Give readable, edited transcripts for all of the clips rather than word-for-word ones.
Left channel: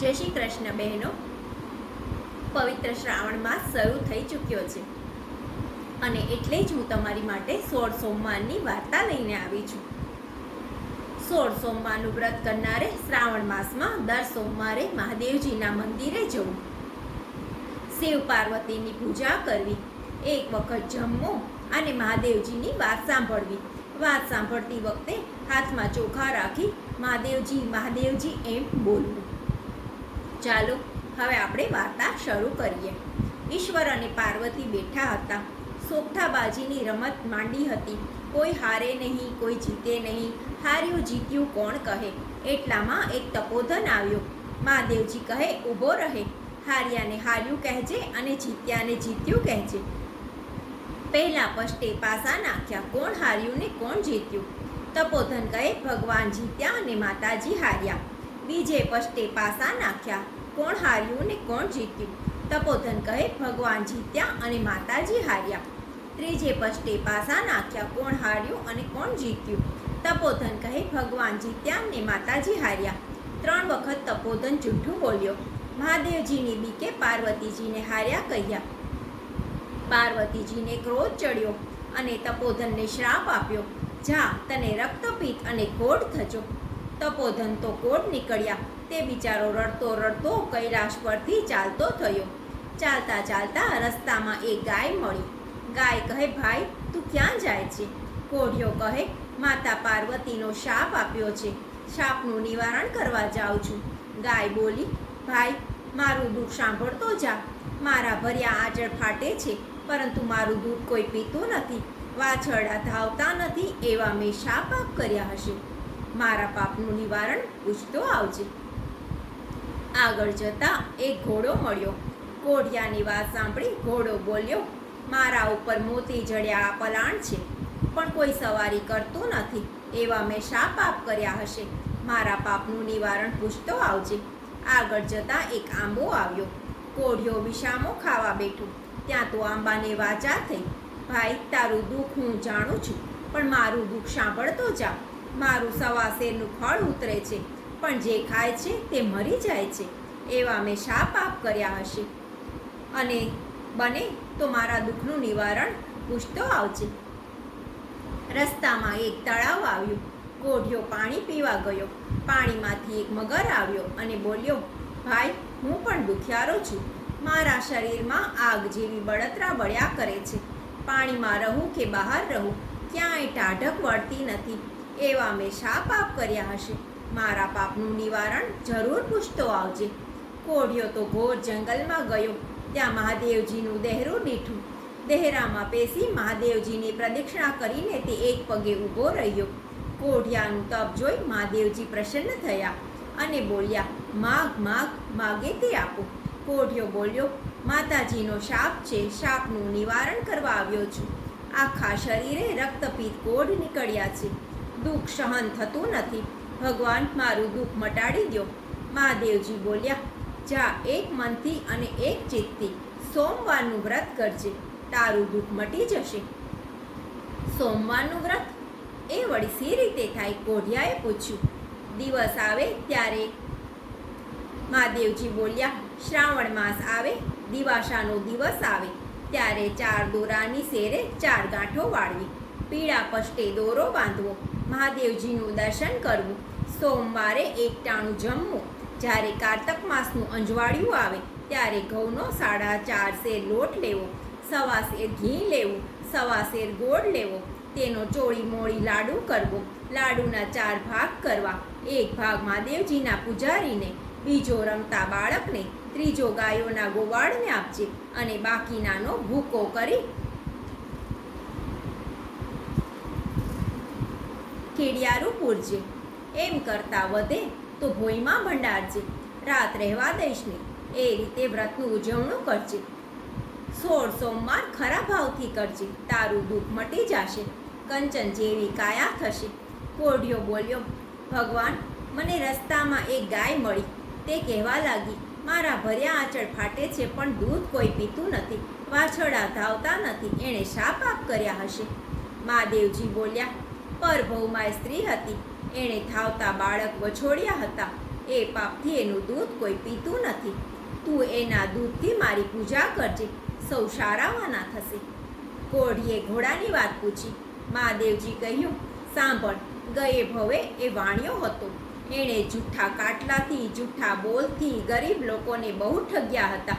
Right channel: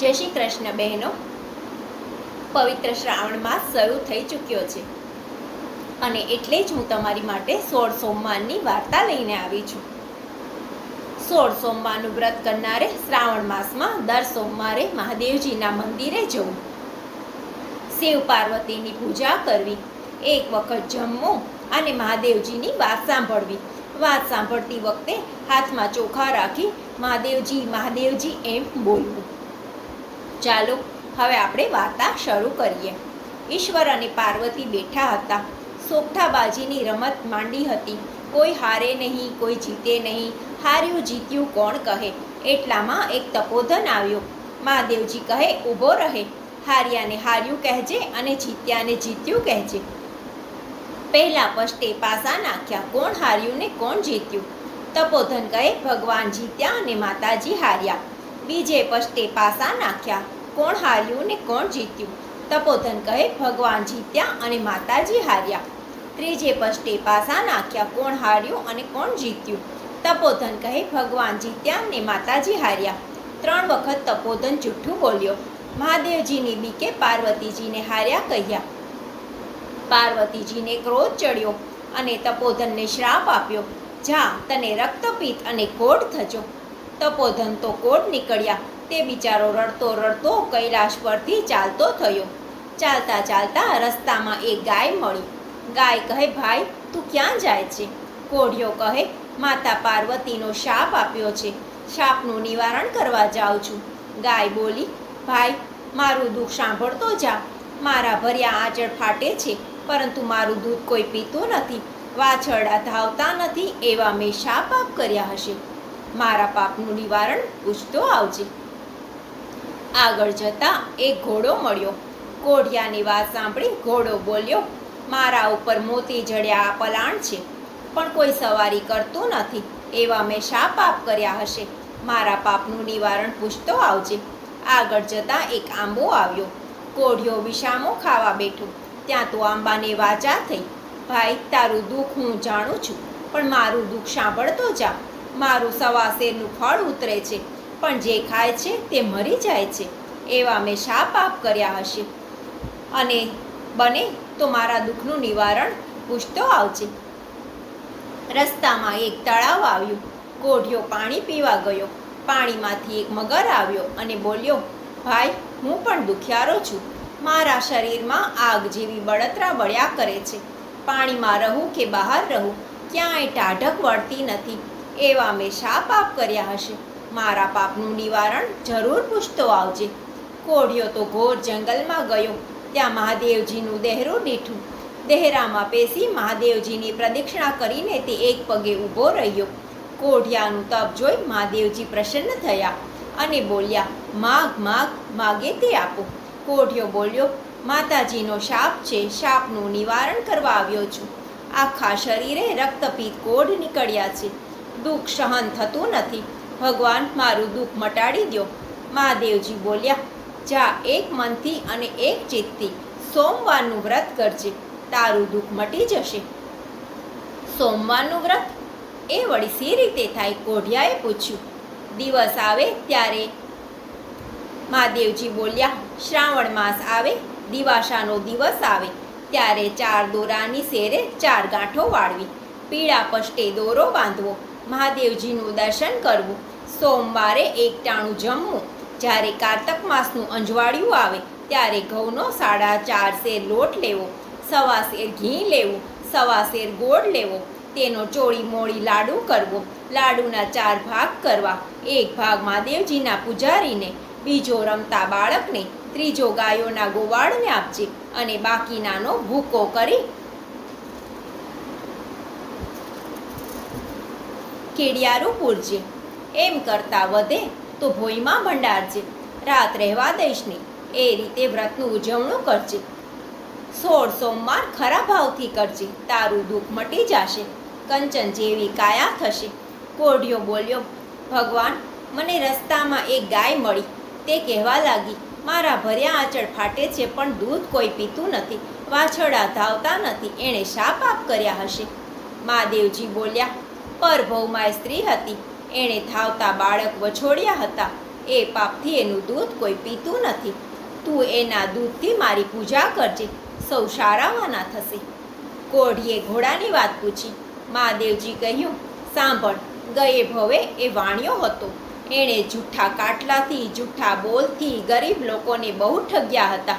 જય શ્રી કૃષ્ણ બહેનો. પવિત્ર શ્રાવણ માસ શરૂ થઈ ચૂક્યો છે અને એટલે જ હું તમારી માટે 16 સોમવારની વાર્તા લઈને આવી છું. 16 સોમવારનું વ્રત કરનારે શ્રાવણ માસમાં દર સોમવારે મહાદેવજીના મંદિરે જવું, શિવ પાર્વતીની પૂજા કરવી, એક વખત જમવું અને મહાદેવજીની વાત સાંભળવી. વાત સાંભળતી વખતે હાથમાં ચોખા રાખી મહાદેવજી મહાદેવજી એમ બોલવું. ચાલો હવે આપણે વાર્તા શરૂ કરીએ. ઈશ્વર અને પાર્વતી બેઠા હતા. સોગઠાબાજીની રમત માંડી હતી. કોઈ હારે નહીં, કોઈ જીતે નહીં. હાર્યું જીત્યું કોણ કહે. એટલામાં એક તપોધન આવ્યો. મહાદેવજી કહે, ઊભો રહે. હાર્યાને હાર્યું કહેજે અને જીત્યાને જીત્યું કહેજે. પહેલા પષ્ટે પાસા નાખ્યા, કોણ હાર્યું ને કોણ જીત્યું. તપોધન કહે, ભગવાન જીત્યા અને માતાજી હાર્યા. બીજે પષ્ટે પાસા નાખ્યા, કોણ હાર્યું ને કોણ જીત્યું. તપોધન કહે, ભગવાન જીત્યા અને માતાજી હાર્યા. ત્રીજે પષ્ટે પાસા નાખ્યા, કોણ હાર્યું અને કોણ જીત્યું. તપોધન કહે, ભગવાન જીત્યા અને માતાજી હાર્યા. 3 વખત તપોધન જૂઠું બોલ્યો. મહાદેવજીની બીકે પાર્વતીજીને હાર્યા કહ્યા. પાર્વતીજીને ક્રોધ ચડ્યો અને તપોધનને શ્રાપ આપ્યો, જા તને રક્તપિત્ત અને કોઢ થજો. તપોધન તો કોઢ નીકળ્યા. તે બિચારો રડતો રડતો કૈલાશ પરથી ચાલતો થયો. ચાલતા ચાલતા રસ્તામાં એક ગાય મળી. ગાય કહે, ભાઈ તું ક્યાં જાય છે. કોઢિયો કહે, માતા પાર્વતીનો શાપ આપ્યો છે, શાપનું નિવારણ કરવા જાઉં છું. ગાય બોલી, ભાઈ મારું દુઃખ સાંભળતો જા. મારા ભર્યા આંચળ ફાટે છે, પરંતુ મારું દૂધ કોઈ પીતું નથી. વાછરડા ધાવતા નથી, એવા મેં શા પાપ કર્યા હશે. મારા પાપનું નિવારણ પૂછતો આવજે. આગળ જતા એક ઘોડો મળ્યો. કોઢિયાની વાત સાંભળી ઘોડો બોલ્યો, મારા ઉપર મોતી જડ્યા પલાણ છે, પણ કોઈ સવારી કરતું નથી. એવા મેં શા પાપ કર્યા હશે. મારા પાપનું નિવારણ પૂછતો આવજે. આગળ જતા એક આંબો આવ્યો. કોઢિયો વિષામો ખાવા બેઠો. ત્યાં તો આંબાને વાચા થઈ, ભાઈ તારું દુઃખ હું જાણું છું, પણ મારું દુઃખ સાંભળતો જા. મારું સવા શેરનું ફળ ઉતરે છે, પણ જે ખાય છે તે મરી જાય છે. એવા મેં શા પાપ કર્યા હશે. અને બને તો મારા દુઃખનું નિવારણ પૂછતો આવજે. રસ્તામાં એક તળાવ આવ્યું. કોઢિયો પાણી પીવા ગયો. પાણીમાંથી એક મગર આવ્યો અને બોલ્યો, ભાઈ હું પણ દુખિયારો છું. મારા શરીરમાં આગ જેવી બળતરા બળ્યા કરે છે. પાણીમાં રહું કે બહાર રહું, ક્યાંય ટાઢક વળતી નથી. એવા મેં શા પાપ કર્યા હશે. મારા પાપનું નિવારણ જરૂર પૂછતો આવજે. કોઢિયો તો ઘોર જંગલમાં ગયો. ત્યાં મહાદેવજીનું દેહરું દીઠું. દેહરામાં પેસી મહાદેવજીની પ્રદક્ષિણા કરીને તે એક પગે ઊભો રહ્યો. કોઢિયાનું તપ જોઈ મહાદેવજી પ્રસન્ન થયા અને બોલ્યા, માગ માગ, માગે તે આપો. કોઢિયો બોલ્યો, માતાજીનો શાપ છે, શાપનું નિવારણ કરવા આવ્યો છું. આખા શરીરે રક્તપિત્ત કોઢ નીકળ્યા છે. દુઃખ સહન થતું નથી. ભગવાન મારું દુઃખ મટાડી દો. મહાદેવજી બોલ્યા, જા એક મનથી અને એક ચિત્તથી સોમવારનું વ્રત કરજે, તારું દુઃખ મટી જશે. સોમવારનું વ્રત એ વળી સી રીતે થાય. કોઢિયાએ પૂછ્યું. દિવસ આવે ત્યારે મહાદેવજી બોલ્યા, શ્રાવણ માસ આવે, દિવાસાનો દિવસ આવે ત્યારે 4 દોરાની શેરે 4 ગાંઠો વાળવી, પીળા પષ્ટે દોરો બાંધવો, મહાદેવજીનું દર્શન કરવું, સોમવારે એકટાણું જમવું. જ્યારે કારતક માસનું અંજવાળિયું આવે ત્યારે ઘઉંનો 4.5 શેર લોટ લેવો, 1.25 શેર ઘી લેવું, 1.25 શેર ગોળ લેવો. તેનો ચોળી મોળી લાડુ કરવો. લાડુના 4 ભાગ કરવા. એક ભાગ મહાદેવજીના પૂજારીને, બીજો રમતા બાળકને, ત્રીજો ગાયોના ગોવાળને આપજે અને બાકીનાનો ભૂકો કરી કેડિયારું પૂરજે. એમ કરતાં વધે તો ભોયમાં ભંડારજે. રાત રહેવા દઈશ નહીં. એ રીતે વ્રતનું ઉજવણું કરજે. 16 સોમવાર ખરા ભાવથી કરજે, તારું દુઃખ મટી જશે. કંચન જેવી કાયા થશે. કોઢિયો બોલ્યો, ભગવાન મને રસ્તામાં એક ગાય મળી. તે કહેવા લાગી, મારા ભર્યા આંચળ ફાટે છે, પણ દૂધ કોઈ પીતું નથી. વાછરડા ધાવતા નથી. એણે શા પાપ કર્યા હશે. મહાદેવજી બોલ્યા, પરભવમાં સ્ત્રી હતી. એણે ધાવતા બાળક વછોડ્યા હતા. એ પાપથી એનું દૂધ કોઈ પીતું નથી. તું એના દૂધથી મારી પૂજા કરજે, સૌ સારાવાના થશે. કોઢીએ ઘોડાની વાત પૂછી. મહાદેવજી કહ્યું, સાંભળ, ગયે ભવે એ વાણિયો હતો. એણે જૂઠા કાટલાથી, જૂઠા બોલથી ગરીબ લોકોને બહુ ઠગ્યા હતા.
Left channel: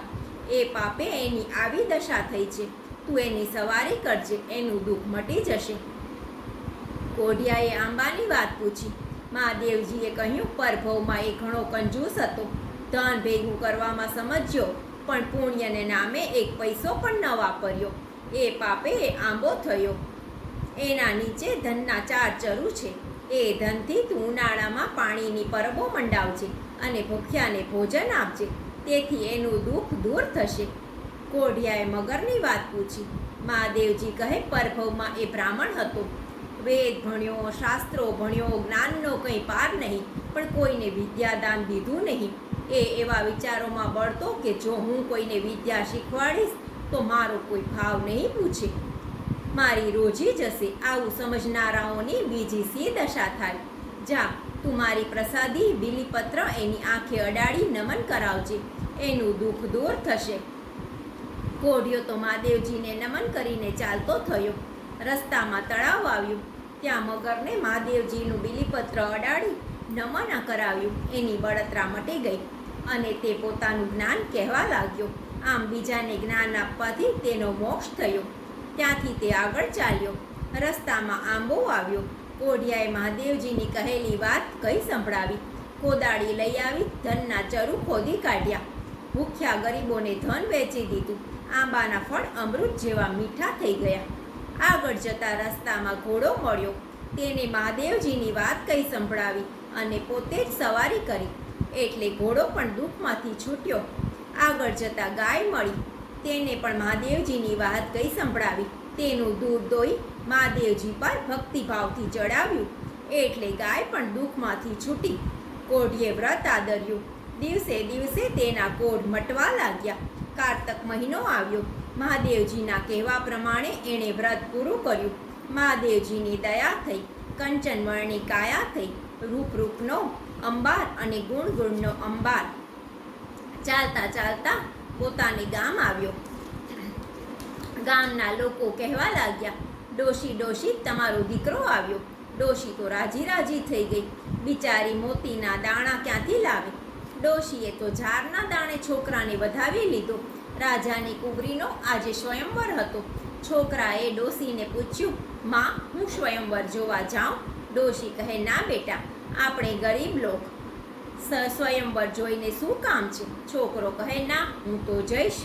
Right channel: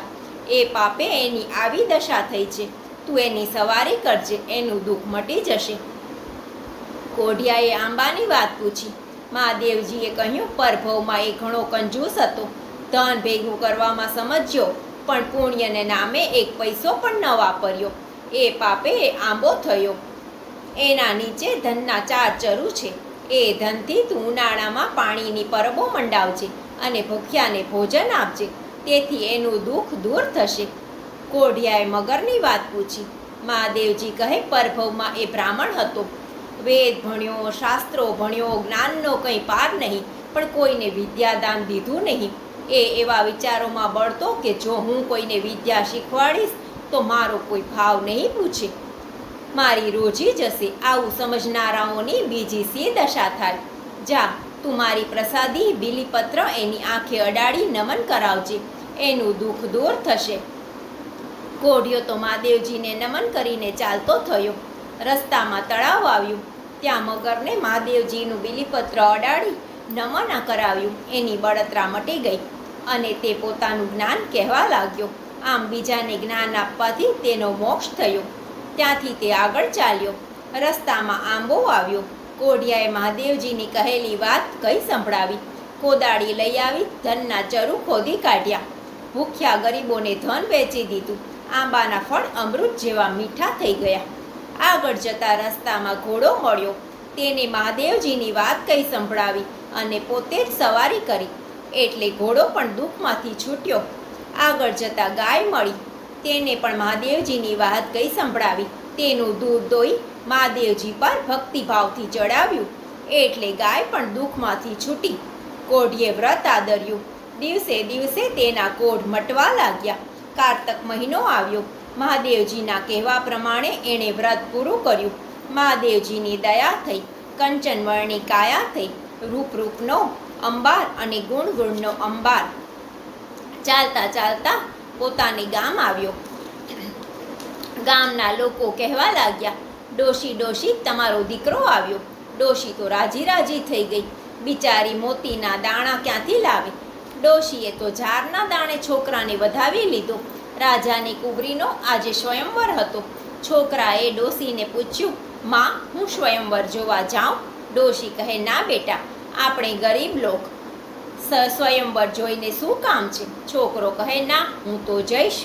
એ પાપે એની આવી દશા થઈ છે. તું એની સવારી કરજે, એનું દુઃખ મટી જશે. કોઢિયાએ આંબાની વાત પૂછી. મહાદેવજીએ કહ્યું, પરભવમાં એ ઘણો કંજૂસ હતો. ધન ભેગું કરવામાં સમજ્યો, પણ પુણ્યને નામે એક પૈસો પણ ન વાપર્યો. એ પાપે આંબો થયો. એના નીચે ધનના 4 ચરુ છે. એ ધનથી તું ઉનાળામાં પાણીની પરબો મંડાવજે અને ભૂખ્યાને ભોજન આપજે, તેથી એનું દુઃખ દૂર થશે. કોઢિયાએ મગરની વાત પૂછી. મહાદેવજી કહે, પરભવમાં એ બ્રાહ્મણ હતો. વેદ ભણ્યો, શાસ્ત્રો ભણ્યો, જ્ઞાનનો કંઈ પાર નહીં, પણ કોઈને વિદ્યાદાન દીધું નહીં. એ એવા વિચારોમાં બળતો કે જો હું કોઈને વિદ્યા શીખવાડીશ તો મારો કોઈ ભાવ નહીં પૂછે, મારી રોજી જશે. આવું સમજનારાઓની બીજી સી દશા થાય. જા, તું મારી પ્રસાદી બીલીપત્ર એની આંખે અડાડી નમન કરાવજે, એનું દુઃખ દૂર થશે. કોઢિયો તો મહાદેવજીને નમન કરીને ચાલતો થયો. રસ્તામાં તળાવ આવ્યું. ત્યાં મગરને મહાદેવજીનું બીલીપત્ર અડાડી નમન કરાવ્યું. એની બળતરા મટી ગઈ અને તે પોતાનું જ્ઞાન કહેવા લાગ્યો. આમ બીજાને જ્ઞાન આપવાથી તેનો મોક્ષ થયો. ત્યાંથી તે આગળ ચાલ્યો. રસ્તામાં આંબો આવ્યો. કોઢિયાએ મહાદેવજીની કહેલી વાત કઈ સંભળાવી. કોદાળી લઈ આવી ધનના ચરુ ખોદી કાઢ્યા. ભૂખ્યા ગરીબોને ધન વેચી દીધું. આંબાના ફળ અમૃત જેવા મીઠા થઈ ગયા. આગળ જતા રસ્તામાં ઘોડો મળ્યો. તેને મહાદેવજીની વાત કઈ સંભળાવી અને પોતે જ સવારી કરી, એટલે ઘોડો પણ દુઃખમાંથી છૂટ્યો. આગળ જતા ગાય મળી. તેને પણ મહાદેવજીની વાત કઈ સંભળાવી. તેનું દૂધ દોઈ મહાદેવજી પર ભક્તિભાવથી ચડાવ્યું, એટલે ગાય પણ દુઃખમાંથી છૂટી. કોઢીએ વ્રત આદર્યું. દિવસે દિવસે તેના કોઢ મટવા લાગ્યા. કારતક મહિનો આવ્યો. મહાદેવજીના કહેવા પ્રમાણે એણે વ્રત પૂરું કર્યું. મહાદેવજીની દયા થઈ. કંચન વર્ણી કાયા થઈ. રૂપ રૂપનો અંબાર અને ગુણ ગુણનો અંબાર. ચાલતા ચાલતા પોતાને ગામ આવ્યો. ગામના લોકો કહેવા લાગ્યા, ડોશી ડોશી, તમારો દીકરો આવ્યો. ડોશી તો રાજી રાજી થઈ ગઈ. બિચારી મોતીના દાણા ક્યાંથી લાવે. ડોશીએ તો ઝારના દાણે છોકરાને વધાવી લીધો. રાજાની કુંવરીનો આજે સ્વયંવર હતો. છોકરાએ ડોશીને પૂછ્યું, માં, હું સ્વયંવર જોવા જાઉં? ડોશી કહે, ના બેટા, આપણે ગરીબ લોક સ્વયંવર જોઈને શું કામ છે? છોકરો કહે, ના, હું તો જઈશ.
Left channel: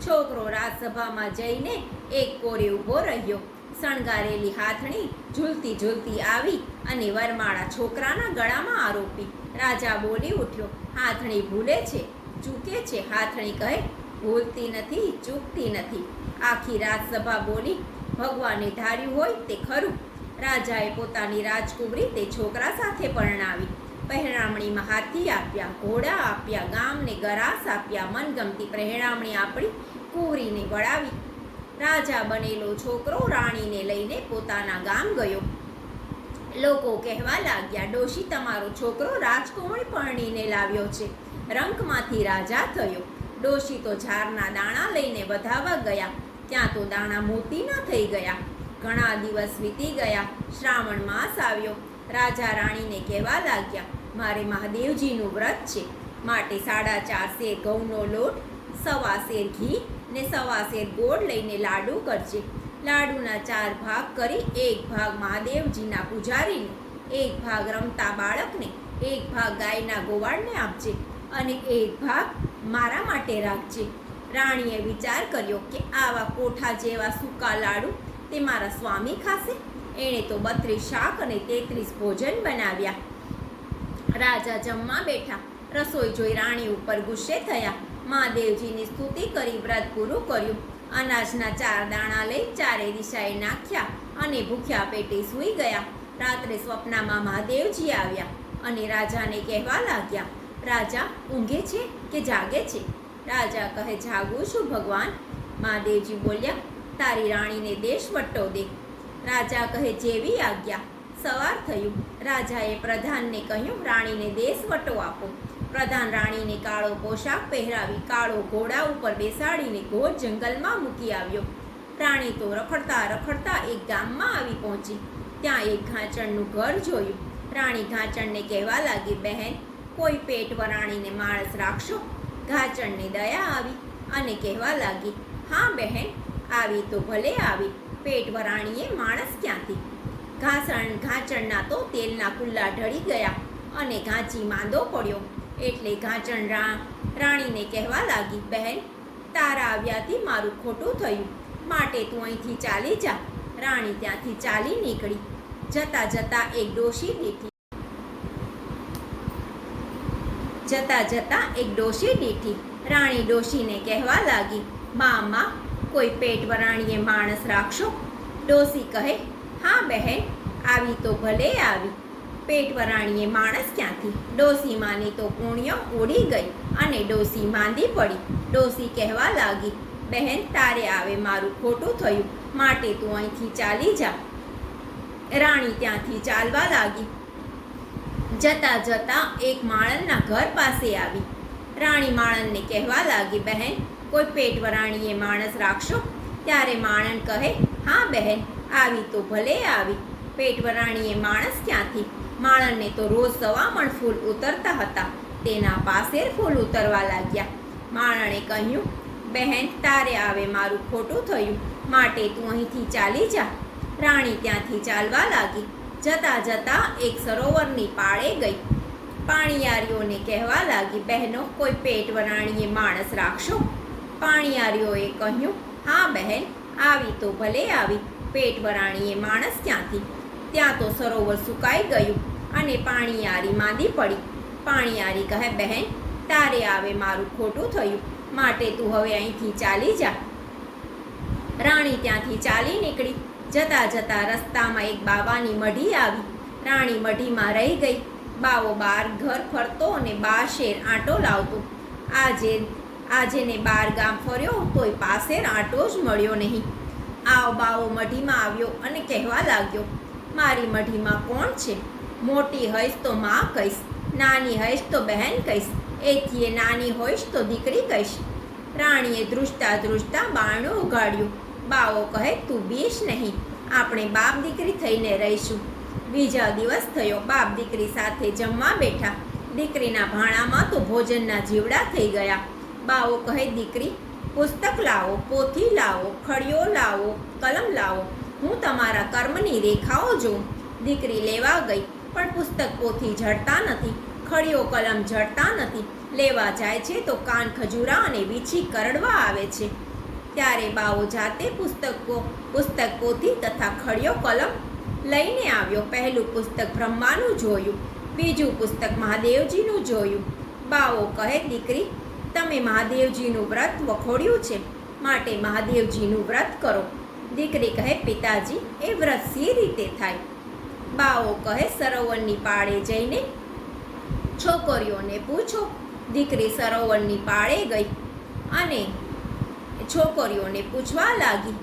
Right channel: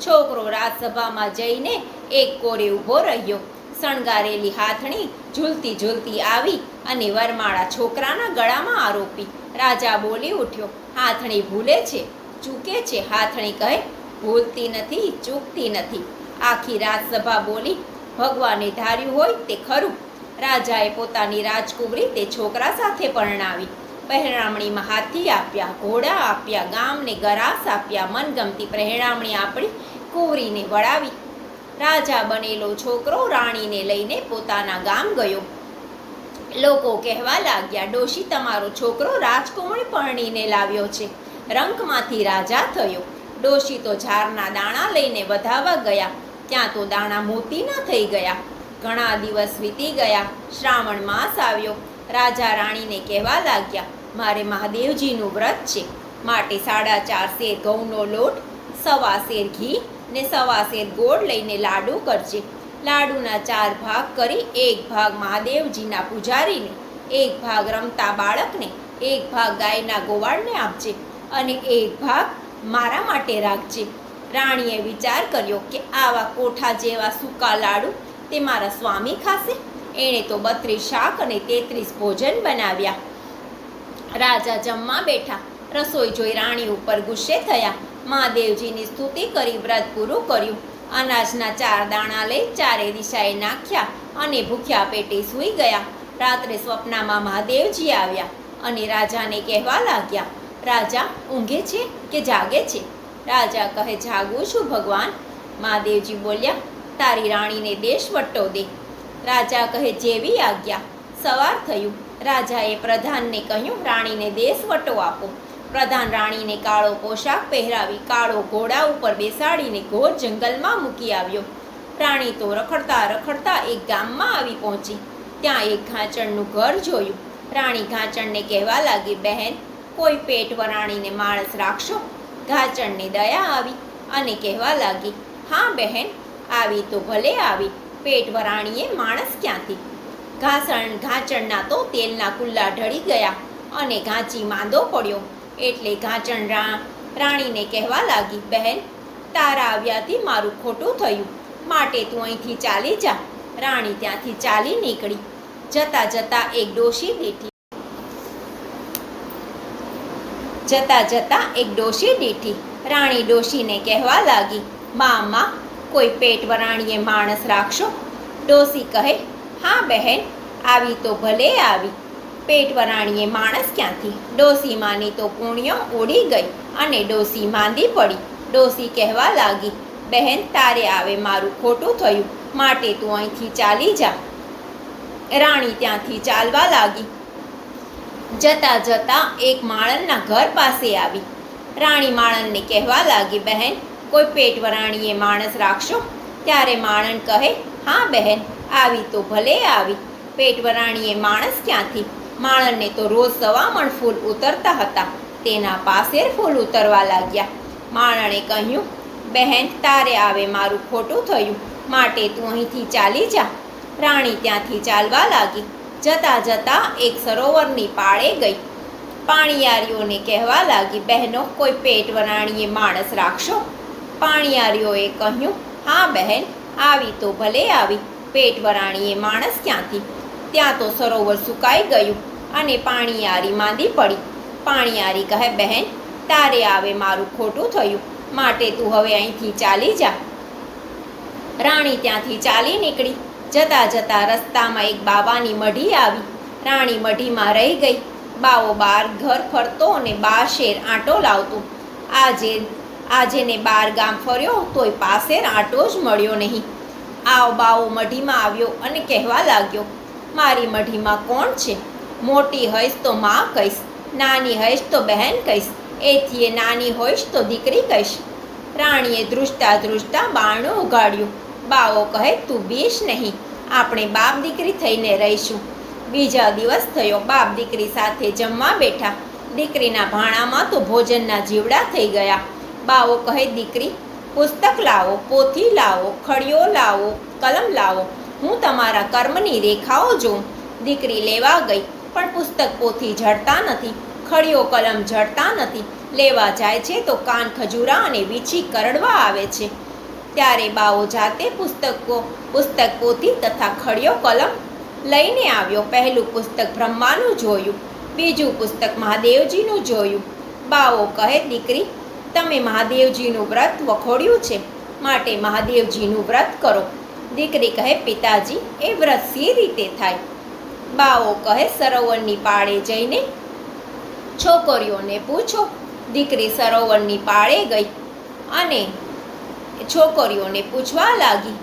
છોકરો રાજસભામાં જઈને એક કોરે ઊભો રહ્યો. શણગારેલી હાથણી ઝૂલતી ઝૂલતી આવી અને વરમાળા છોકરાના ગળામાં આરોપી. રાજા બોલી ઉઠ્યો, હાથણી ભૂલે છે, ચૂકે છે. હાથણી કહે, ભૂલતી નથી, ચૂકતી નથી. આખી રાજસભા બોલી, ભગવાને ધાર્યું હોય તે ખરું. રાજાએ પોતાની રાજકુંવરી તે છોકરા સાથે પરણાવી. પહેરામણીમાં હાથી આપ્યા, ઘોડા આપ્યા, ગામને ગરાસ આપ્યા. મનગમતી પહેરામણી આપણી કુંવરીને વળાવી. રાજા બનેલો છોકરો રાણીને લઈને પોતાના ગામ ગયો. લોકો કહેવા લાગ્યા, ડોશી, તમારો છોકરો રાજકુંવરી પરણીને લાવ્યો છે. રંકમાંથી રાજા થયો. ડોશી તો ઝારના દાણા લઈને વધાવવા ગયા, ત્યાં તો દાણા મોતીના થઈ ગયા. ઘણા દિવસ વીતી ગયા. શ્રાવણ માસ આવ્યો. રાજા રાણીને કહેવા લાગ્યા, મારે મહાદેવજીનું વ્રત છે, માટે 4.5 શેર ઘઉંનો લોટ, 1.25 શેર ઘી ને 1.25 શેર ગોળ લઈને લાડુ કરજે. લાડુના 4 ભાગ કરી, 1 ભાગ મહાદેવજીના પૂજારીને, 1 ભાગ રમતા બાળકને, 1 ભાગ ગાયના ગોવાળને આપજે અને 1 ભાગ મારા માટે રાખજે. રાણીએ વિચાર કર્યો કે આવા કોઠા જેવા સૂકા લાડુ તે મારા સ્વામી ખાશે. એણે તો 32 શાક અને 33 ભોજન બનાવ્યા. રાજા જમવા બેઠા. રસોઈ જોઈ રાણી ઉપર ગુસ્સે થયા. મહાદેવજીની સ્તુતિ કરી વ્રત પૂરું કર્યું. અનાજના 4 દાણા લઈ 4 દિશાએ નાખ્યા અને ભૂખ્યા પેટે સૂઈ ગયા. રાત્રે સ્વપ્નમાં મહાદેવજી આવ્યા અને રાજાને કહેવા લાગ્યા, રાજા ઊંઘે છે કે જાગે છે? રાજા કહે, જાગું છું ભગવાન. મહાદેવજી બોલ્યા, તારી રાણીને દેશવટ્ટો દે. રાજા કહે, જેવી આજ્ઞા. સવાર થયું. રાજાએ પ્રધાનને કહ્યું, રાણીને દેશવટો આપો. પ્રધાન રાણીને કાળો પોશાક પહેરાવી કાળો ઘોડા ઉપર બેસાડીને ઘોર જંગલમાં મૂકી આવ્યો. રાણી તો રખડતા રખડતા એક ગામમાં આવી પહોંચી. ત્યાં એક ઘાંચણનું ઘર જોયું. રાણી ઘાંચણને કહેવા લાગી, બહેન, કોઈ પેટ વરાણીને માણસ રાખશો? ઘાંચણને દયા આવી અને કહેવા લાગી, હા બહેન, આવી તો ભલે આવી, પેટ વરાણીએ માણસ ક્યાંથી? ઘાંચણના તો તેલના કુલ્લા ઢળી ગયા અને ઘાંચી માંદો પડ્યો. એટલે ઘાંચણ રાણીને કહેવા લાગી, બહેન, તારા આવ્યાથી મારું ખોટું થયું, માટે તું અહીંથી ચાલી જા. રાણી ત્યાંથી ચાલી નીકળી. જતા જતા એક ડોશી દીઠી. રાણી ડોશીને કહેવા લાગી, માં, કોઈ પેટ વરાણીએ માણસ રાખશો? ડોશી કહે, હા બહેન, આવી તો ભલે આવી, પેટ વરાણીએ માણસ ક્યાંથી? ડોશી માની તો પૂણ્યો ઉડી ગઈ અને ડોશી માંદી પડી. ડોશી કહેવા લાગી, બહેન, તારે આવે મારું ખોટું થયું, માટે તું અહીંથી ચાલી જા. રાણી ત્યાંથી ચાલવા લાગી. જતા જતા એક માણસના ઘર પાસે આવી. રાણી માણસને કહેવા લાગી, બહેન, કોઈ પેટ વરાણીએ માણસ રાખશો? ત્યારે માણસ કહે, હા બહેન, આવી તો ભલે આવી, પેટ વરાણીએ માણસ ક્યાંથી? માણસને તો રોજ 1.25 મણ ફૂલ ઉતરતા હતા. તેના પાસે ફૂલ ઉતરવા લાગ્યા. માણસે કહ્યું, બહેન, તારે આવે મારું ખોટું થયું, માટે તું અહીંથી ચાલી જા. રાણી ત્યાંથી ચાલવા લાગી. જતા જતા એક સરોવરની પાળે ગઈ. પાણીયારીઓને કહેવા લાગી, બહેનો, કોઈ પેટ વરાણીએ માણસ રાખશો? પાણીયારીઓએ કહ્યું, હા બહેન, આવી તો ભલે આવી, પેટ વરાણીએ માણસ ક્યાંથી? ત્યાં તો સરોવર સુકાઈ ગયું અને પાણીયારી માંદી પડી. પાણીયારી કહે, બહેન, તારે આવે મારું ખોટું થયું, માટે તું હવે અહીંથી ચાલી જા. રાણી ત્યાંથી ચાલી નીકળી. જતા જતા રસ્તામાં એક બાવાની મઢી આવી. રાણી મઢીમાં રહી ગઈ. બાવો બાર ઘર ફરતો અને 12 શેર આંટો લાવતો. આજે ને 12 ગામ ફર્યો તોય પાસેર આંટો જ મળ્યો નહીં. બાવો મઢીમાં આવ્યો અને કહેવા લાગ્યો, મારી મઢીમાં કોણ છે? મોટી હઈશ તો માં કહીશ, નાની હઈશ તો બહેન કહીશ, એથી નાની હોઈશ તો દીકરી કહીશ. રાણીએ ધ્રુજતા ધ્રુજતા બારણું ઉગાડ્યું. બાવો કહે, તું બીશ નહીં, આપણે બાપ દીકરી થઈને રહીશું. બીજા દિવસ થયો. બાપ દીકરી સાથે જમવા બેઠા. દીકરીના ભાણામાં તો ભોજનના જીવડા થઈ ગયા. બાવો કહે, દીકરી, પુસ્તક લાવો, પોથી લાવો, ખડીઓ લાવો, કલમ લાવો, હું તમારા કર્મની રેખાઓ જોઉં. દીકરી લેવા ગઈ, પણ પુસ્તક પોથી જડતા નથી, ખડીઓ કલમ જડતા નથી. લેવા જાય છે તો કાન ખજૂરા અને વીછી કરડવા આવે છે. ત્યારે બાવો જાતે પુસ્તક પોથી તથા ખડીઓ કલમ લઈને આવ્યો. પહેલું પુસ્તક બ્રહ્માનું જોયું, બીજું પુસ્તક મહાદેવજીનું જોયું. બાવો કહે, દીકરી, તમે મહાદેવજીનું વ્રત વખોડ્યું છે, માટે મહાદેવજીનું વ્રત કરો. દીકરી કહે, પિતાજી, એ વ્રત સી રીતે થાય? બાવો કહે, સરોવરની પાળે જઈને છોકરીઓને પૂછો. દીકરી સરોવરની પાળે ગઈ અને છોકરીઓને પૂછવા લાગી,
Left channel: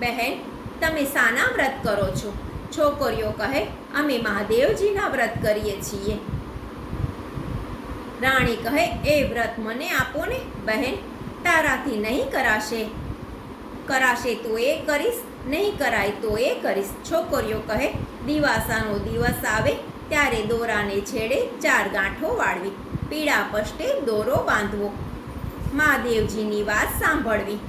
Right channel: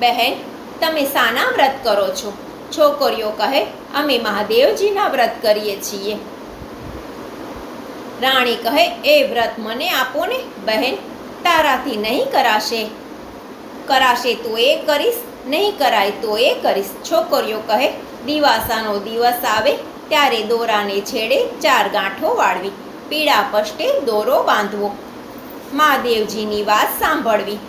બહેન, તમે શાના વ્રત કરો છો? છોકરીઓ કહે, અમે મહાદેવજીના વ્રત કરીએ છીએ. રાણી કહે, એ વ્રત મને આપો ને બહેન, તારાથી નહીં કરાશે તો એ કરીશ, નહીં કરાય તો એ કરીશ. છોકરીઓ કહે, દિવાસાનો દિવસ આવે ત્યારે દોરાને છેડે 4 ગાંઠો વાળવી, પીળા પષ્ટે દોરો બાંધવો, મહાદેવજીની વાત સાંભળવી,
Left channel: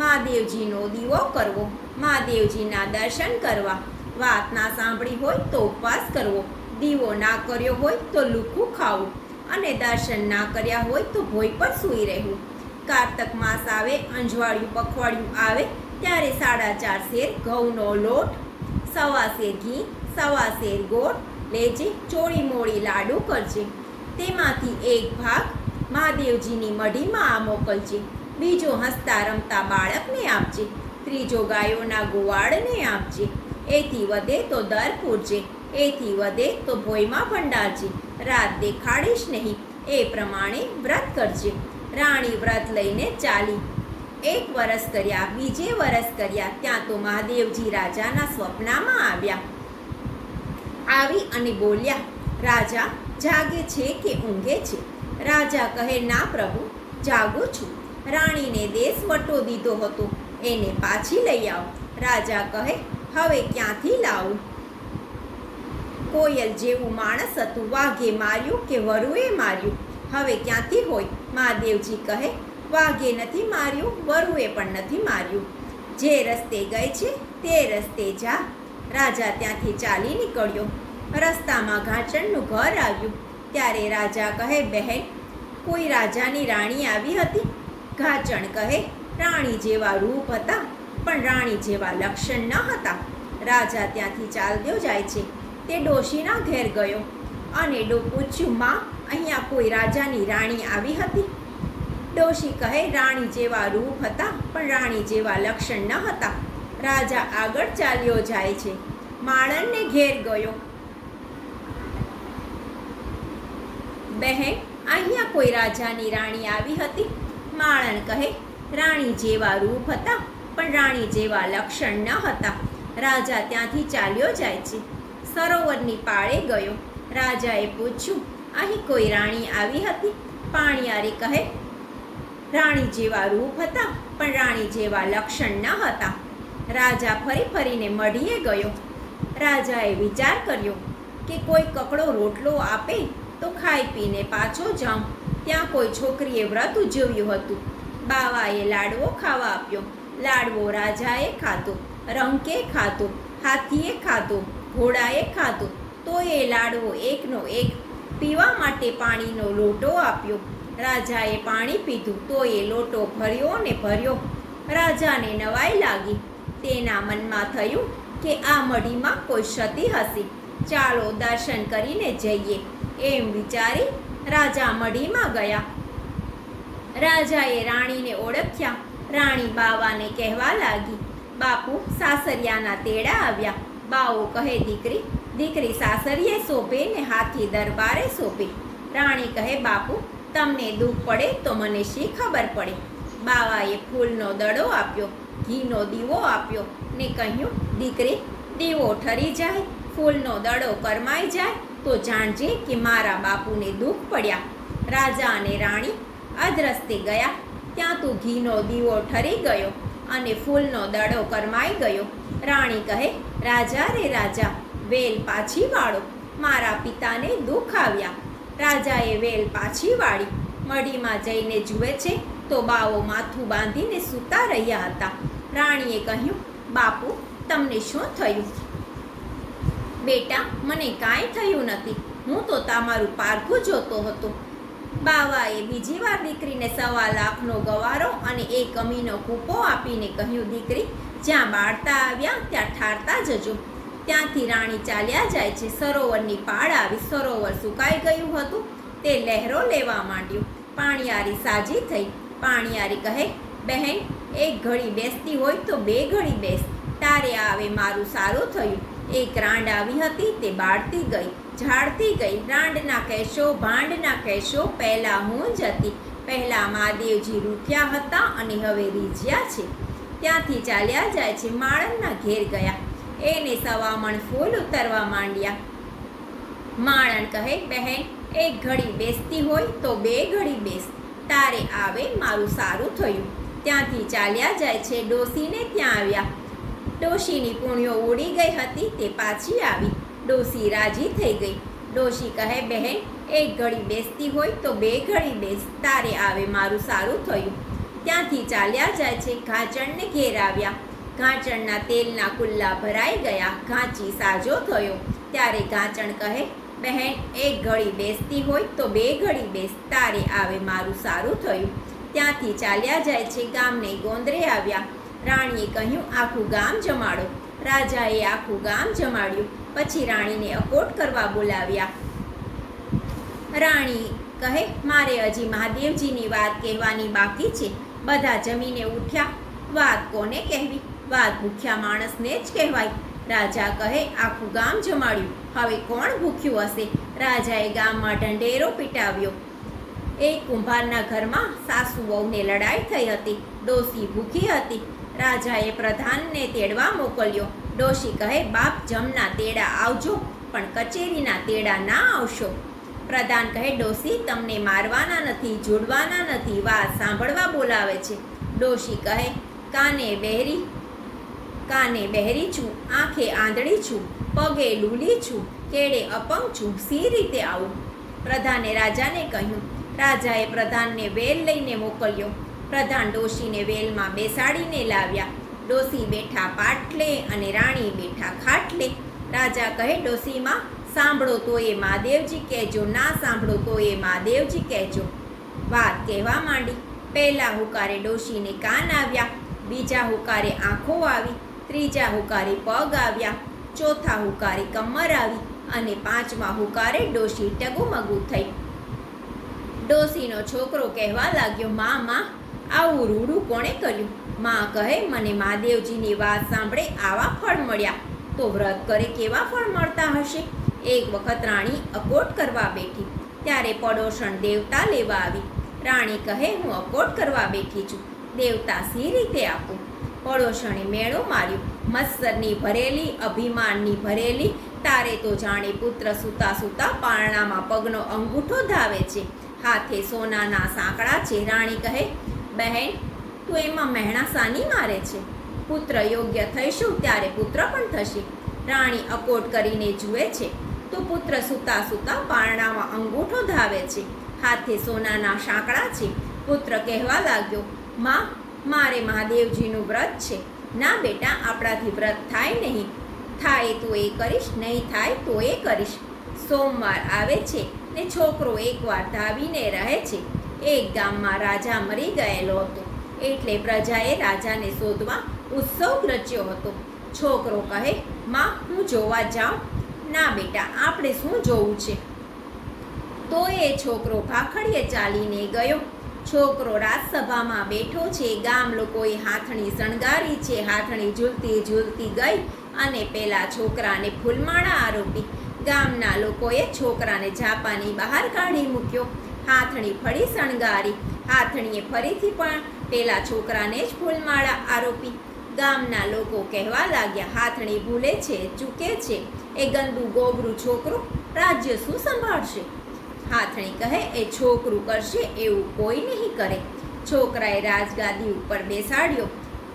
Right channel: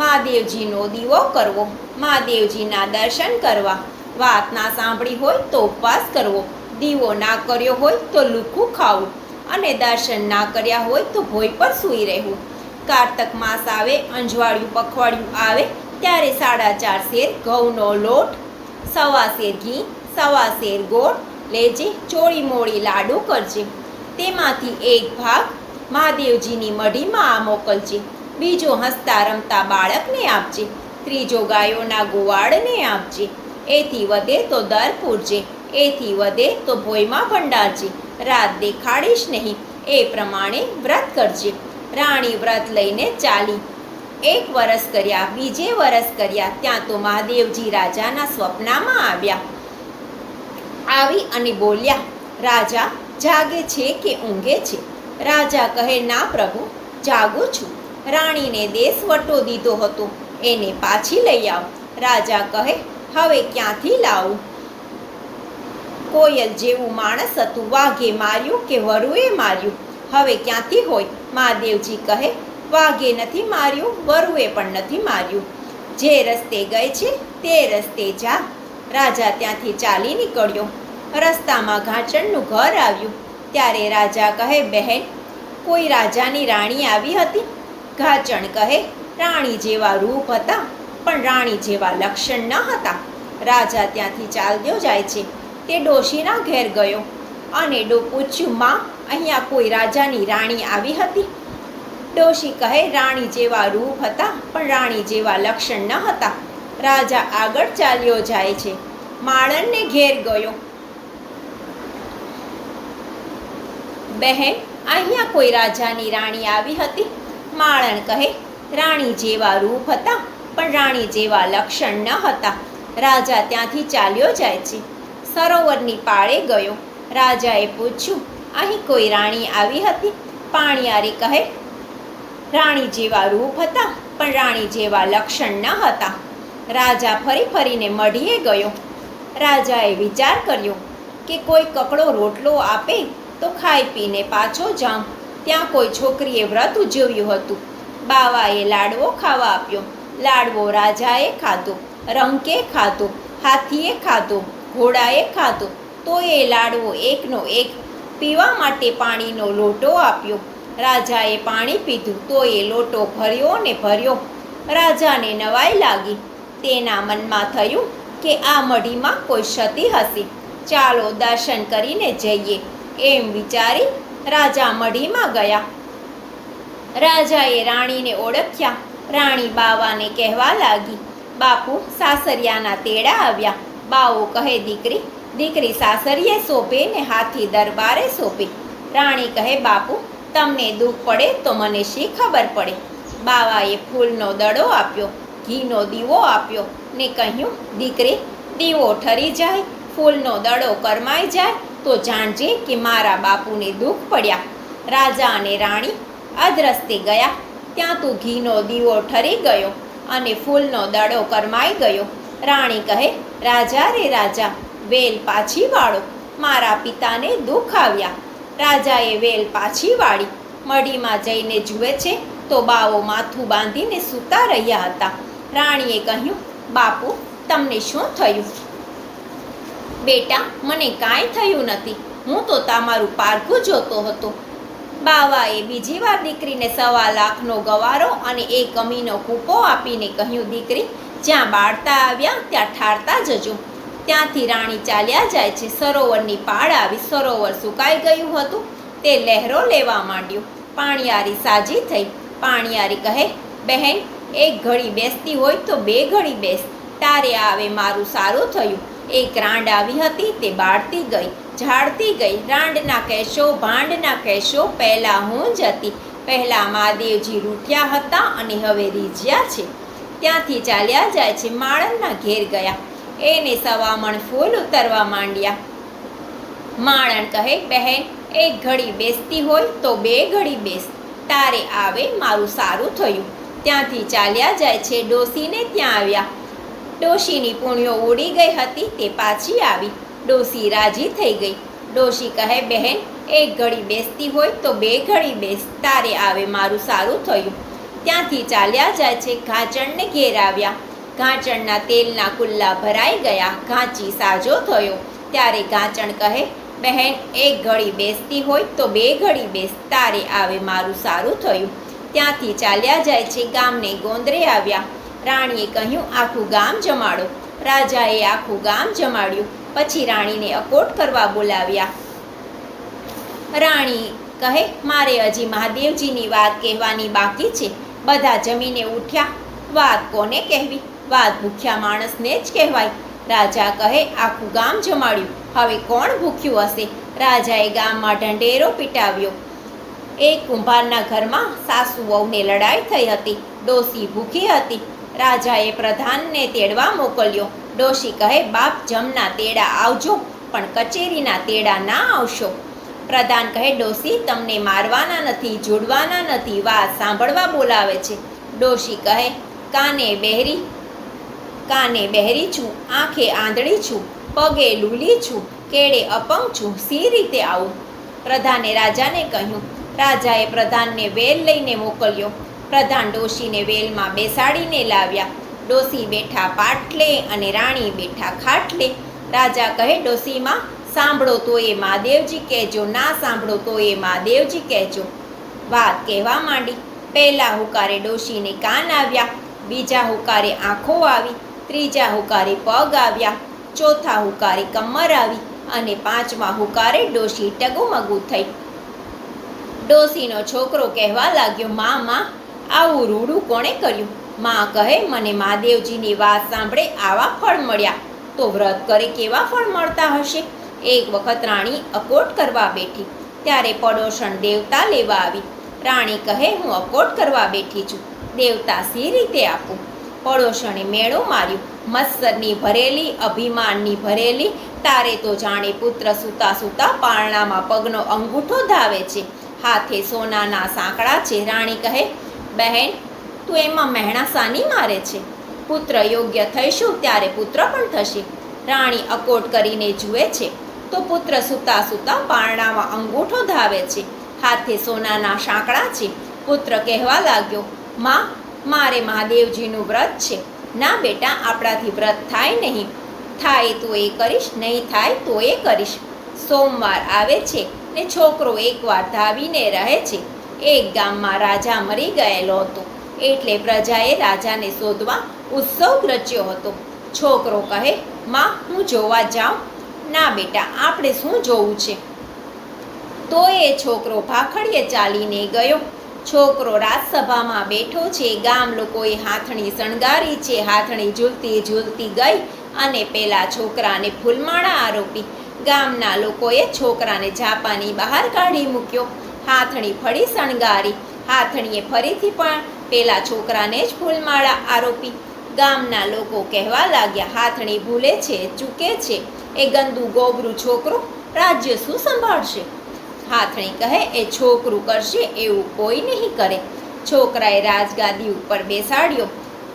મહાદેવજીનો દીવો કરવો, મહાદેવજીના દર્શન કરવા, વાત ના સાંભળી હોય તો ઉપવાસ કરવો, દીવો ના કર્યો હોય તો લુખું ખાવું અને દર્શન ના કર્યા હોય તો ભોય પર સૂઈ રહેવું. કારતક માસ આવે, અંજવાળિયું પખવાડિયું આવે ત્યારે 4.5 શેર ઘઉંનો લોટ, 1.25 શેર ઘી, 1.25 શેર ગોળ લેજે. ચોળી મોળી લાડુ કરજે. તેમાંથી એક ભાગ મહાદેવજીની મઢીમાં મોકલજે, બીજો હસતા રમતા બાળકને આપજે, ત્રીજો ગાયોના ગોવાળને આપજે. એથી વધે તો દર પૂરજે, એથી વધે તો ભોયમાં ભંડારજે. રાત દેખાડીશ નહીં, એ પ્રમાણે વ્રત કરજે. રાણી વ્રત લઈને ચાલી. 1 વરસ કર્યા, બીજે વરસ કર્યા, ત્યાં તો મહાદેવજી રાજાના સ્વપ્નમાં આવી અને બોલ્યા, રાજા જાગે છે કે ઊંઘે છે? રાજા કહે, ના પ્રભુ, જાગું છું. રાણીને દેશ વટો દીધો હતો, એને પાછી લઈ આવ. રાજા કહે, હવે ક્યાંથી લાવું? કોયલ જેવું માણસ હતું, વાઘે માર્યું કે વરુએ માર્યું? હવે ક્યાંથી હોય? મહાદેવજી કહે, વાઘે નથી માર્યું, વરુએ પણ નથી માર્યું. જે રસ્તે ગઈ છે તે રસ્તે જા. રાજા ત્યાંથી ચાલી નીકળ્યો. રસ્તામાં ઘાંચણનું ઘર આવ્યું. ત્યારે રાજા કહે, બહેન, કોઈ રાજાની રાણી આવી હતી? ઘાંચણ કહે, રાણી જેવા રૂપ હતા, પણ રાણી જેવા લક્ષણ ન હતા. રાજા ત્યાંથી ચાલ્યો જાય છે. તે ડોશીના ઘેર ગયો અને પૂછ્યું, માં, અહીંયા કોઈ રાજાની રાણી આવી હતી? ડોશી કહે, રાણી જેવા રૂપ હતા, પણ રાણી જેવા લક્ષણ ન હતા. રાજા આગળ ચાલ્યો જાય છે. માળણને ઘેર ગયો. બહેન, અહીંયા કોઈ રાજાની રાણી આવી હતી? માળણ કહે, રાણી જેવા રૂપ હતા, પણ રાણી જેવા લક્ષણ ન હતા. રાજા ત્યાંથી ચાલ્યો જાય છે. સરોવરની પાળે ગયો. રાજાએ પૂછ્યું, અહીં કોઈ રાણી આવી હતી? પાણિયારે કહે, રાણી જેવા રૂપ હતા, પણ રાણી જેવા લક્ષણ ન હતા. રાજા ફરી ફરીને મઢીએ ગયો. રાજાએ વિચાર કર્યો કે કોઈ કકડો રોટલો આપે તો ખાઈ પીને પાછો જાઉં. ત્યાં કોઈ છોકરીએ વ્રત ઉજવ્યું હતું. બાવાએ લાડવો ખાવા આપ્યો. લાડવો રાજાએ ખાધો, રંકે ખાધો, હાથીએ ખાધો, ઘોડાએ ખાધો. તો એ લાડવો એકનો એક. પીવા માટે પાણીનો લોટો આપ્યો. રાજાએ પાણી પીધું તો એ લોટો ભર્યો ને ભર્યો. રાજાને નવાઈ લાગી. તેના મનમાં થયું કે આ મઢીમાં કોઈ સતી હશે. ચાલો દર્શન કરીને જઈએ. એમ વિચારી રાજા મઢીમાં ગયા. રાજાએ રાણીને ઓળખ્યા. રાણી બાવાને કહેવા લાગી, બાપુ, સાસરિયાના તેડા આવ્યા. બાવો કહે, દીકરી, દીકરી સાસરીએ શોભે ને હાથી દરબારે શોભે. રાણી કહે, બાપુ, તમને દુઃખ પડે તો મને શી ખબર પડે? બાવાએ ફૂલનો દડો આપ્યો, ઘીનો દીવો આપ્યો ને કહ્યું, દીકરી, દીવો ઠરી જાય, ફૂલનો દડો કરમાઈ જાય તો જાણજે કે મારા બાપુને દુઃખ પડ્યા. રાજા અને રાણી અધરસ્તે ગયા. ત્યાં તો ઘીનો દીવો ઠરી ગયો અને ફૂલનો દડો કરમાઈ ગયો. રાણી કહે, રાજા રે રાજા, વેલ પાછી વાળો, મારા પિતાને દુઃખ આવ્યા. રાજાએ વેલ પાછી વાળી. મઢીમાં જઈને જુએ છે તો બાવો માથું બાંધીને સૂતા રહ્યા હતા. રાણીએ કહ્યું, બાપુ, તમને શું થયું? બેટા, મને કાંઈ થયું નથી, હું તો તમારું પારખું જોતો હતો. બાવાએ બીજી વાર દીકરીને 1.25 લાખનો ગવારો અને 1 કમીનો કૂપો આપીને કહ્યું, દીકરી, જ્યાં બાળતા આવ્યા ત્યાં ઠારતા જજો. ત્યાંથી રાણી ચાલ્યા જાય છે. સરોવરની પાળ આવી. સરોવર સુકાઈ ગયું હતું. તે લહેરો લેવા માંડ્યું. પાણિયારી સાજી થઈ. પાણિયારી કહે, બહેન, એક ઘડી બેસતી હોય તો 2 ઘડી બેસ. તારે આવે મારું સારું થયું. એક રાંડ આવી હતી, તે બાળતી ગઈ, ઝાડતી ગઈ. રાંડના કહેશો, ભાંડના કહેશો, પહેલાં હું જ હતી. પહેલાં મહાદેવજી રૂઠ્યા હતા અને હવે રીઝ્યા છે. ત્યાંથી ચાલ્યા જાય છે. માળણના ઘેર ગયા. એને 1.25 મણ ફૂલ ઉતરવા માંડ્યા. માળણ કહે, બહેન, એક ઘડી બેસતી હોય તો 2 ઘડી બેસ. તારે આવે મારું સારું થયું. ત્યાંથી ચાલ્યા જાય છે. ડોશીને ત્યાં આવ્યા. ડોશીની પૂણ્યો ઉડી ગઈ હતી, તે પાછી આવી. ડોશી રાજી થઈ ગઈ. ડોશી કહે, બહેન, એક ઘડી બેસતી હોય તો 2 ઘડી બેસ. તારે આવે મારું સારું થયું. ત્યાંથી ચાલ્યા જાય છે. ઘાંચણને ઘેર આવ્યા. ઘાંચણના તેલના કુલ્લા ભરાઈ ગયા. ઘાંચી સાજો થયો. ત્યારે ઘાંચણ કહે, બહેન, એક ઘડી બેસતી હોય તો 2 ઘડી બેસ. તારે આવે મારું સારું થયું. ત્યાંથી ચાલ્યા જાય છે. ગામને ગોંદરે આવ્યા. રાણીએ કહ્યું, આખું ગામ જમાડો. રાજાએ આખું ગામ જમાડ્યું. પછી રાણીને અકોટ કરવા બોલાવ્યા. રાણી કહે, મારે હજી મહાદેવજીની વાત કહેવાની બાકી છે. બધા જમીને ઉઠ્યા. વાત કોને કહેવી? વાત ભૂખ્યા માણસને જ કહેવાય. રાજા કહે, આખું ગામ જમાડ્યું, હવે કોણ ભૂખ્યું હશે? રાજાએ ગામમાં ઢંઢેરો પીટાવ્યો. એક કુંભારના ઘરમાં સાસુ વહુને લડાઈ થઈ હતી. ડોશી ભૂખી હતી. રાજાએ પ્રધાનને તેડવા મોકલ્યો. ડોશી કહે, બાપ, જમના તેડા આવજો, પણ કચેરીના તેડા ના આવશો. પ્રધાન કહે, ડોશી તમને મારવાના નથી, જોડવાના નથી, વાત સાંભળવા બોલાવે છે. ડોશી કહે, કાને બહેરી છું, આંખે આંધળી છું, પગે લૂલી છું, કેડે અપંગ છું, સી રીતે આવું? પ્રધાને રાજાને કહ્યું. રાજાએ પ્રધાનને વેલ લઈને મોકલ્યો. પ્રધાન ડોશીને વેલમાં બેસાડીને લાવ્યા. ડોશી બેઠા પાટલે અને રાણી બેઠા ખાટલે. રાજા કહે, ડોશીમાં સાંભળો તો એ મહાદેવજી કહેજો, ના સાંભળો તો એ મહાદેવજી કહેજો. વાત કહેવા માંડી. પહેલા હુકારે ડોશીને કાન આવ્યા, બીજા હુકારે આંખો આવી, ત્રીજા હુકારે પગ આવ્યા, ચોથા હુકારે કમર આવી અને પાંચમા હુકારે ડોશી ટગુમગુ થઈ. ડોશીનો છોકરો કહેવા લાગ્યો, માં આવું રૂડું કોણે કર્યું? માં કહે, મને મહાદેવજીની વાત સાંભળે આવા ફળ મળ્યા, તો વ્રત કરે કેવા ફળ મળતા હશે? એક વખત રાણી અકોટ કરવા બેઠી, ત્યારે પડોશણ દેવતા લેવા આવી. રાણી કહે, હું અકોટ કરવા બેઠી છું, દેવતા સી રીતે આપું? પડોશણે મેળો માર્યો. મત્સરની ભરેલી, અભિમાનની ભરેલી, તારે તો જાણે પુત્ર સૂતા સૂતા પારણામાં પગનો અંગૂઠો ધાવે છે, હાથે સોનાના સાંકળા છે. રાણી કહે, બહેન તું એમાં મહેણા સાની મારે છે? પુત્ર યોગ્ય થઈશું ત્યારે પુત્ર પણ થશે. રાણી અકોટ કરીને જુએ છે તો પુત્ર સૂતા સૂતા પારણામાં અંગૂઠો ધાવે છે, હાથે સોનાના સાંકળા છે. પુત્ર કહેવા લાગ્યો, માં મારે મહાદેવજીનું વ્રત છે. ના બેટા, આપણાથી વ્રત થાય નહીં, થાય તો એ કરીશ, નહીં થાય તો એ કરીશ. સોમવાર આવે છે ને છોકરો એકવાર ધાવીને રહે છે. એક ગામમાં રાજા મરી ગયેલો હતો, એટલે પ્રજાએ રાજાને શોધવા ઉત્સવ રચ્યો હતો. છોકરો કહે, માં હું જોવા જાઉં? ના બેટા, આપણે શું જોવું છે? તો એ છોકરો ભાખડીએ ચાલીને ગયો. છોકરો રાજસભામાં બેઠો છે, ગામ લોકોએ હાથણી શણગારી છે. હાથણી ઝૂલતી ઝૂલતી ગઈ અને પેલા છોકરાને ફૂલમાળા આરોપી. ગામના લોકોએ છોકરાને ઝાપાની બહાર કાઢી મૂક્યો. હાથણી ફરી શણગારી. હાથણીએ ફરીથી પણ પેલા છોકરાને જ ફૂલમાળા આરોપી. ગામના લોકો કહેવા લાગ્યા, હાથણી ભૂલે છે, ચૂકે છે, એ ગંદુ ગોબરું છોકરું રાજ્ય શું સંભાળશે? હાથણી કહે, એ છોકરું કરશે એવું કોઈ નહીં કરે. છોકરાએ રાજગાદી ઉપર બેસાડ્યો.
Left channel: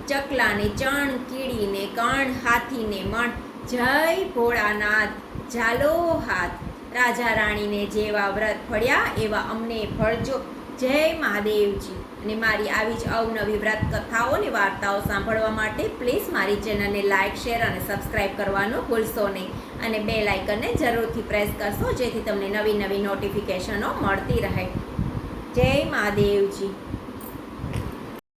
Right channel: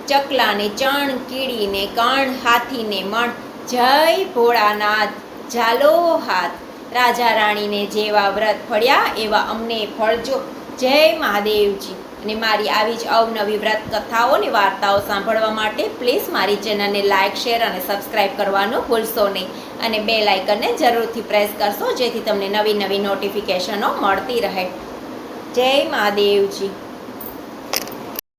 ચકલાને ચણ, કીડીને કણ, હાથીને મણ, જય ભોળાનાથ, ઝાલો હાથ. રાજા રાણીને જેવા વ્રત ફળ્યા એવા અમને ફળજો. જય મહાદેવજી. અને મારી આવી જ અવનવી વ્રત કથાઓ અને વાર્તાઓ સાંભળવા માટે પ્લીઝ મારી ચેનલને લાઇક, શેર અને સબસ્ક્રાઈબ કરવાનું ભૂલશો નહીં. અને બેલ આઇકનને જરૂરથી પ્રેસ કરશો, જેથી તમને નવી નવી નોટિફિકેશનો મળતી રહે. જય મહાદેવજી.